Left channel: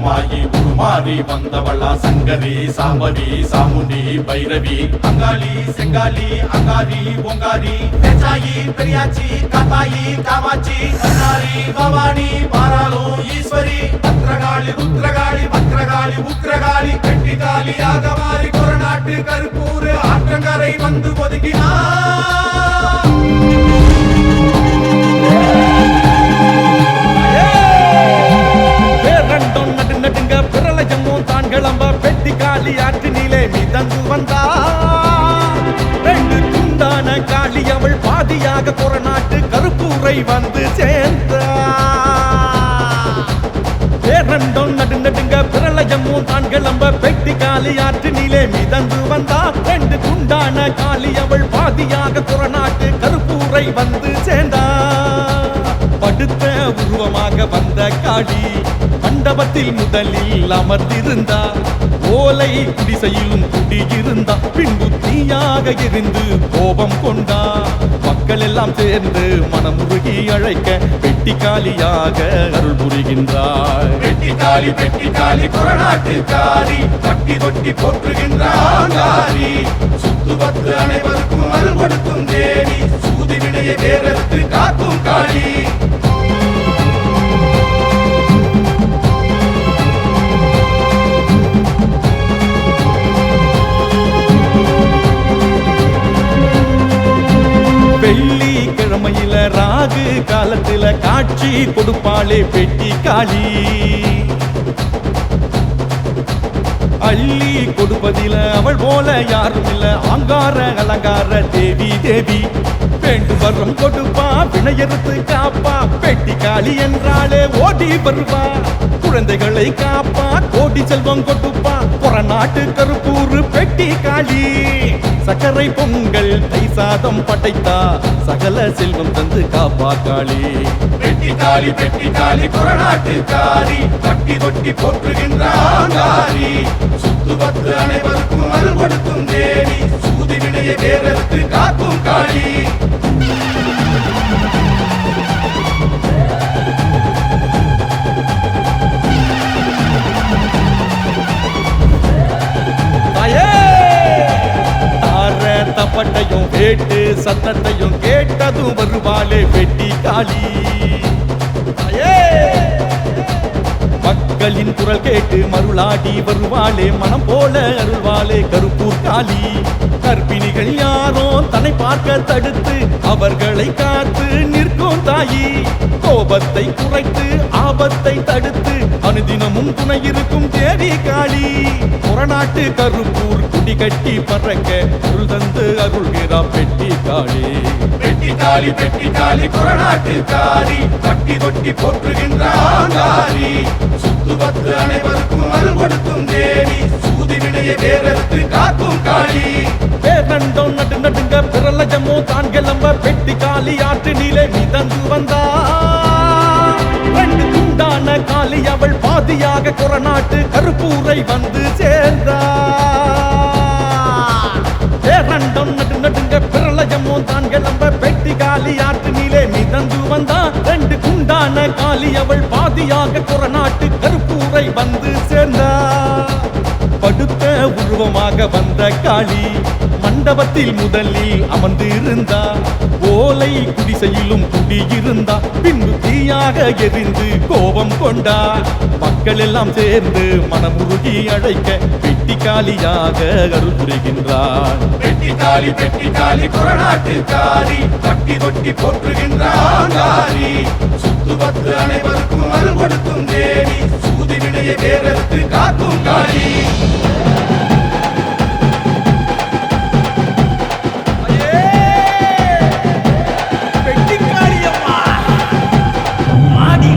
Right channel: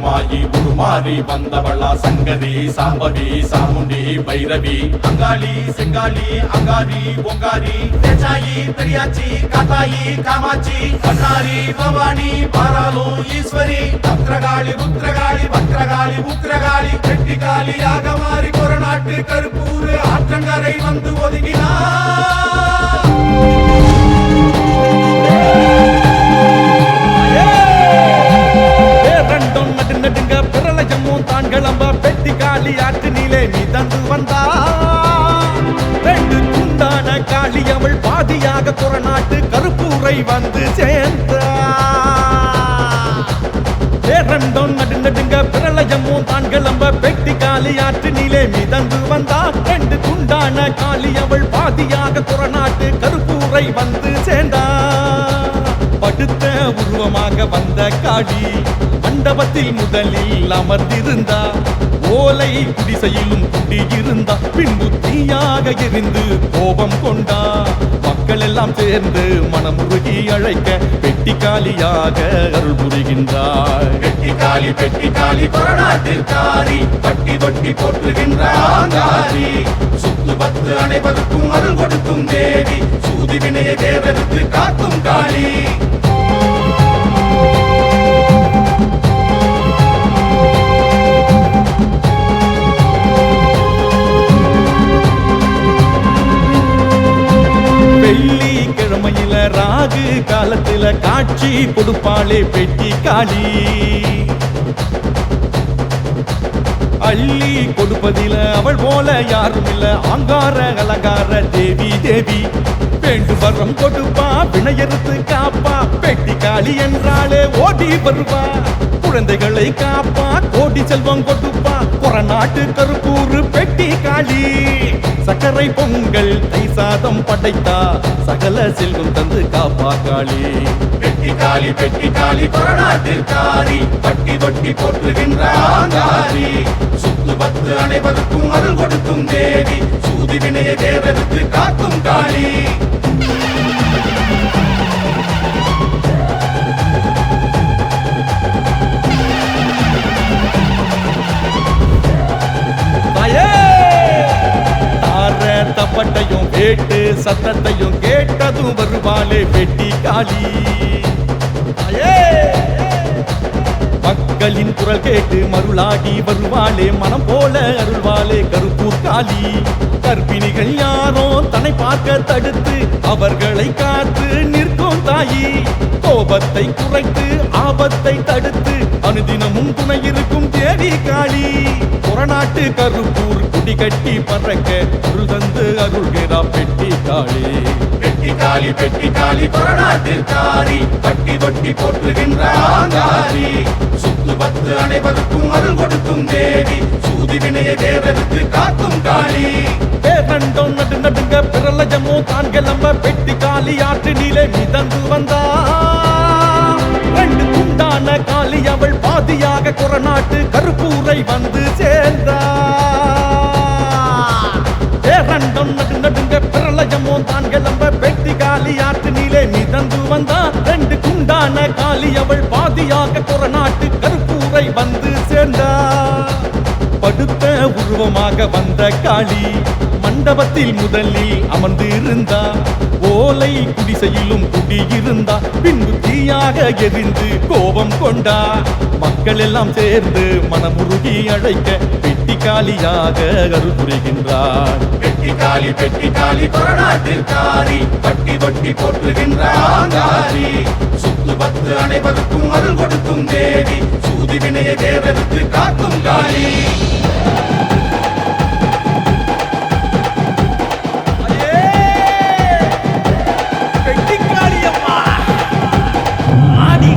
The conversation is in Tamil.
மாறி வந்தவளா சங்கரி சாம்பவி சாமுண்டி பைரவி. அங்காளி செங்காளி அங்காரி பொங்காரி பெச்சாயி பெரியாச்சி காத்தாயி காமாட்சி. கண்ணாரி பவானி பாராலோ ஈஸ்வரி. பத்ரகாளி ருத்ரகாளி பத்ரகாளி உத்ரகாளி வெட்டிகாளியாக மாறி கொரநாட்டு கருப்பூர். ஆற்றக்கரை வந்து ஒதுங்கினார். பிரளயமும் தான் கிளம்ப பெட்டி காளி ஆற்று நிலை மிதந்து வந்தா. ரெண்டு துண்டான காளி அவள் பாதியாக குறநாட்டு கருப்பூரை வந்து சேர்ந்தா. பேரண்டம் நடு நடுங்க பிரளயமும் தான் கிளம்ப பெட்டி காளி ஆற்று நிலை மிதந்து வந்தா. ரெண்டு துண்டான காளி அவள் பாதியாக குறநாட்டு கருப்பூரை வந்து சேர்ந்தா. படுத்த உருவமாக வந்த காளி மண்டபத்தில் முதலில் அமர்ந்திருந்தா. ஓலை குடிசையிலும் குடியிருந்தா. பின்பு இருந்து கோபம் கொண்டா. மக்கள் எல்லாம் சேர்ந்து மனமுருகி அழைக்க பெட்டி காலியாக அருள் புரிகின்றாய் பெட்டி காலி பெட்டி காலி கொரநாட்டு காரி பட்டி தொட்டி போற்றுகின்றாரி சுத்து பத்து அனைவருக்கும் அருள் கொடுக்கும் தேவி சூதி வினைய தேவருக்கு காக்கும் காளி வெள்ளி கிழமையில ராகு காலத்துல காட்சி கொடுப்பாளே பெட்டி காளி. அள்ளி கொடுப்பதில அவள் போல யாரும் இல்ல. ஆங்கார அலங்கார தேவி தேவி. வேண்டும் வரம் கொடுப்பா வினையறுத்து காப்பா. பெட்டி காளி என்றாலே ஓடி வருவா. குழந்தைகளை காப்பா கோடி செல்வம் கொடுப்பா. புறநாட்டு கருப்பூரு பெட்டி காளி. சக்கரை பொங்கல் தை சாதம் படைத்தா சகல செல்வம் தந்து காப்பா காளி பெட்டி காளி பெட்டி காளி கொரநாட்டு பட்டி தொட்டி போட்டுகின்ற ஆங்காரி. சுத்து பத்து அனைவருக்கும் அருள் கொடுக்கும் தேவி சூதி வினையை தேவருக்கு காக்கும் காளி. தப்பட்டையும் வேட்டு சத்தத்தையும் கேட்டதும் வருவாளே வெட்டி காளி. தாயே மக்களின் குரல் கேட்டு மருளாடி வருவாளே மனம் போல அருள்வாளே கருப்பூர் காளி. கர்ப்பிணிகள் யாரோ தன்னை பார்க்க தடுத்து அவர்களை காத்து நிற்கும் தாயி. கோபத்தை குறைத்து ஆபத்தை தடுத்து அனுதினமும் துணை இருக்கும் தேவி காளி. புறநாட்டு கருப்பூர் குடி கட்டி பறக்க அருள் தந்து அருள்கிறா பெட்டி காளி. பெட்டி காளி பெட்டி காளி புறநாட்டு காரி பட்டி தொட்டி போற்றுகின்ற ஆங்காரி பத்து அனைவருக்கும் அருள் கொடுக்கும் தேவி. சூதி வினையை தேவருக்கு காக்கும் காளி. பேரண்டோம் நடு நடுங்க பிரளயமோ தான் கிளம்ப பெட்டி காளி ஆற்று நீலே மிதந்து வந்தா. ரெண்டு துண்டான காளி அவள் பாதியாக கொரநாட்டு கருப்பூரை வந்து சேர்ந்தா. பேரண்டம் நடு நடுங்க பிரளயமோ தான் கிளம்ப பெட்டி காலி ஆற்று நீலே மிதந்து வந்தா ரெண்டு குண்டான காளி அவள் பாதியாக குரநாட்டு கருப்பூரை வந்து சேர்ந்தா. படுத்த உருவமாக வந்த காளி மண்டபத்தில் முதலில் அமர்ந்து இருந்தா ஓலை குடிசையிலும் குடியிருந்தா பின்பு தீயாக எரிந்து கோபம் கொண்டா. மக்கள் எல்லாம் சேர்ந்து மனமுருகி அழைக்க பெட்டி காலியாக அருள் புரிகின்றாள் பெட்டி காலி பெட்டி காலி கொரநாட்டு காரி பட்டி தொட்டி போற்றுகின்ற சுத்து பத்து அனைவருக்கும் அருள் கொடுக்கும் தேவி சூதி வினையை தேவருக்கு காக்கும் காளி ஆடி காளியம்மா ஆடி